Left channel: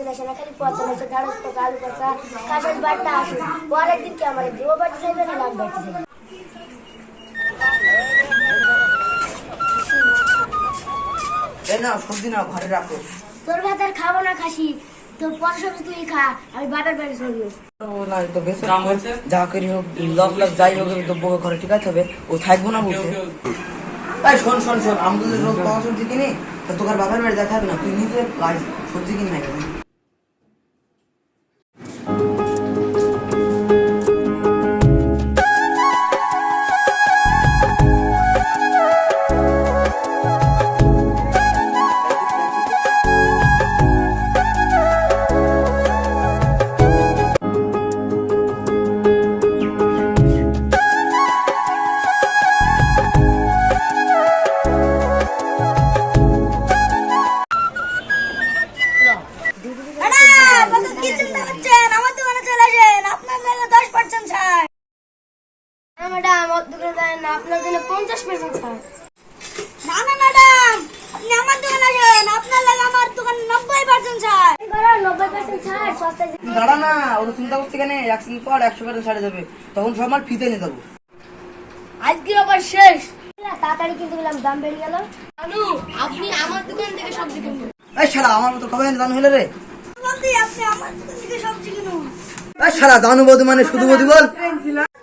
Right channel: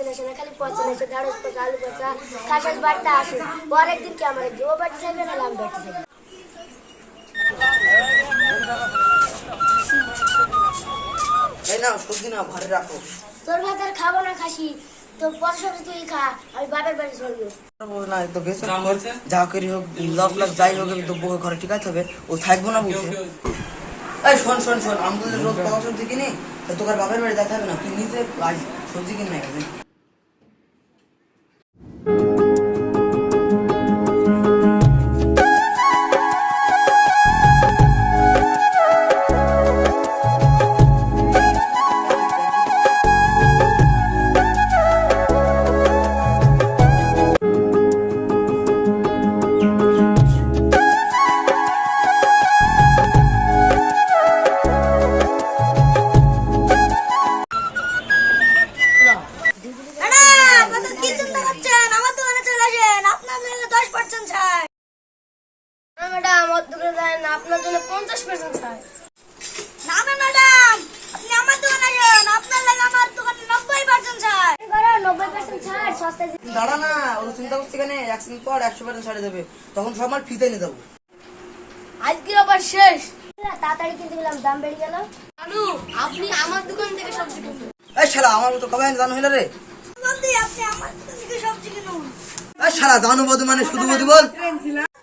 সবজি আসে না, খালি পচা আসে, ঢেঁড়স পচা, আলু পচা, কাঁচা বাড়িতে আসে। পরের দিন কি আমার ও বাড়িতে যাইবে না আমি বাড়িতে যাবো। এই না সবজি না ঘরে রাখো। তোর ভাত আর খাবো না খাসি, তোর পচা সবজি তুই খা, আমি বাবার বাড়ি চলবো। না তো বেশ যা করি হোক লাভ লাভ যাই হোক তো বউ ঘরে ঠিক আছে হবে, ও থাকবো না বলছে। এই শোন শোন শোন, আমি তো রোজ পাওয়া সবজি কিনি, তোর বাবার বাড়ি যেতে হবে না, তুই নিজে আজ সবজি কিনে না কেন। ম্যাডাম আমার দোকানে যায় না, আপনার জন্য 50% ছাড়। না না ম্যাডাম, আপনি আমার দোকানে আসেন, আপনার লাগে আমার দোকানে 90% ছাড়। 90% ছাড় সস্তায়। দাঁড়া না, ওরা চিন্তা করছে কেন, 100 পর 100% ছাড়ে দেবে, তখন সব মাল ফিতে নিয়ে যাবো। আজকে আবার শেষ। তাড়াতাড়ি কিনতে গেলাম, দাম বেড়ে গেল। জানু, আপনি আমার দোকান থেকে সবজি কিনুন। এই শালা আমার মতো কবে জানো হইলো রে। বলতে আপনি আমার দোকান থেকে সবজি কিনুন। এই শালা জানু বধু মানে শুধু বধু বল।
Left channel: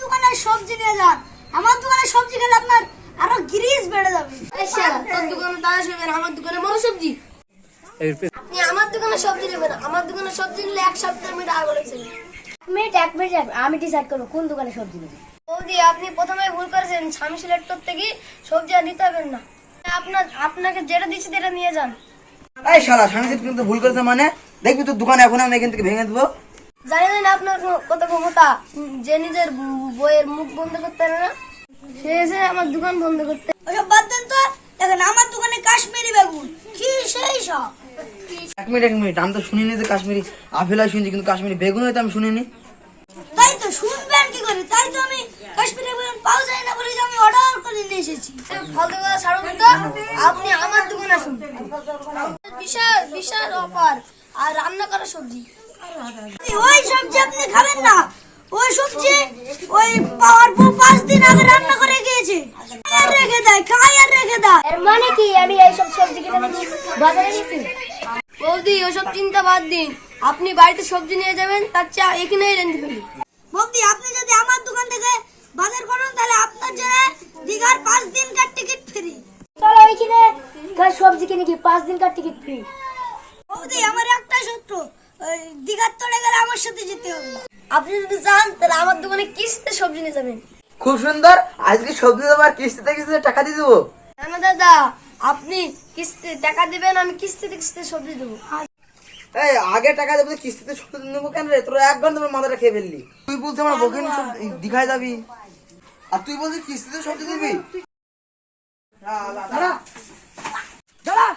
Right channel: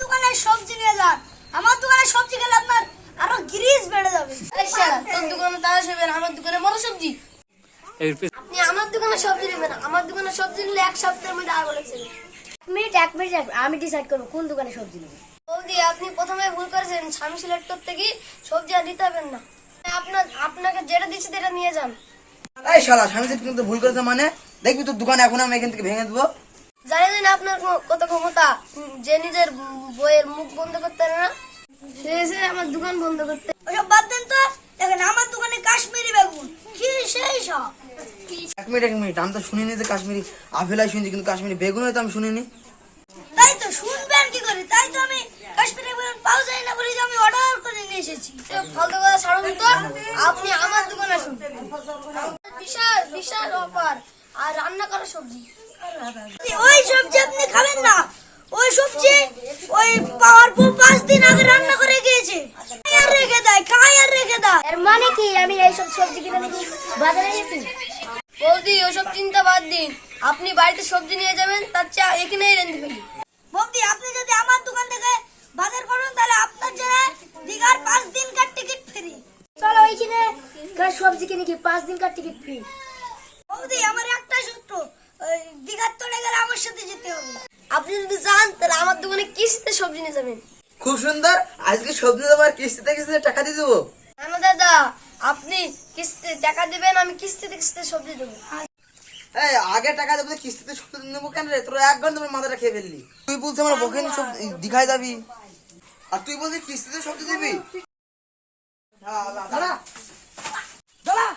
দোকানে সবজি নিয়ে যান, আমার দোকানে সবজি খেলে আপনার আরো গ্রিস বেড়ে যাবে। এই শালা, তোর দোকানে তাজা সবজি, আমার দোকানে বড় সবজি। আপনি আমার দোকানে সবজি নেবেন, আমার দোকানে সবজি নিলে 1 সপ্তাহের মধ্যে আগে লেগে যাবে। এক মিনিট আমি ডিসাইড করবো কোন দোকানে সবজি নেবো। বৌদি, আপনি প্রথমে ভুল করেছেন, স্বামী সিলেক্টর থেকে সবজি আর নিতে হবেন না। আপনাকে যেটা দিচ্ছি সেটা নিয়ে যান। এই শালা স্বামী কিন্তু ভুল করেছে মানে, দেখবি তোর দোকান এখন আমি এখান থেকে ভেঙে দেবো। জানেন আপনার কত ক্ষমতা, যে নিজের বইয়ের মুখ বন্ধ করতে পারে না, সে এসে আমার দোকান বন্ধ করতে। ওসব বাদ দেন তো, দেখেন আমার দোকানে কাশ্মীরি বেগুন কি সেই সব। এক মিনিট, আমি তো শুনিনি যে কাশ্মীরি আপেলাই শুনছি, কিন্তু কাশ্মীরি বেগুন হয়তো আমি শুনিনি। তাই তো শুনবেন কি করে, তাই তো আমি কাশ্মীরি বেগুন পাওয়া যায় না বলে আমি অর্ডার করে নিয়ে এসেছি। ফালতু কথা ছাড়ুন তো, আপনি আমার দোকানে আসুন, বিশাল বিশাল অফার আর রান্না করা সবজি। ওই সবজি আপনি খাবেন না, ওই সবজি ওই পাওয়ার পর 5 দিন আগে রান্না করে গিয়েছে, আর রেখে দেয়, খাই আর রেখে দেয়। এর মানে কি আমি এইসব সবজি কিনে নাকি বাজারে গেছি? বৌদি, ওসব চিন্তা বাদ দিন, আপনি বাড়িতে সবজি নিয়ে যাবেন, তার চা এখানেই রেঁধে ফেলি। বৌদি, আপনি যদি আমার দোকান থেকে বাজার করেন তাহলে আপনার জন্য দীঘার 5 দিনকার টিকিট ফ্রি। চলো ওইখানে সবজি কিনে কি 5 দিনকার টিকিট ফ্রি? বৌদি, আমার একটা সূত্র, ওই দীঘার তলে গেলে আমার সাথে যেতে হবে। আপনি যদি চান তাহলে আমার দোকানে কিস্তিতে সবজি নিয়ে যাবেন। খুব সুন্দর, আজকে সবজি দেবো আর কিস্তিতে কিস্তিতে টাকা দিয়ে দেবো। হ্যাঁ দাদা, আপনি কিস্তিতে টাকা দিবেন, আমি কিস্তিতে কিস্তিতে সবজি দেবো। এই আগে টাকা দেবো, কিস্তিতে সবজি নেবো কেন রে, তোরা 1 ঘন্টা মাথাটা খেয়ে ফেললি। তুই বলছিস আমার বউকে নিয়ে সব দীঘায় যাবি, আর তুই বলছিস কিস্তিতে সবজি দিবি। দাঁড়া দাঁড়া।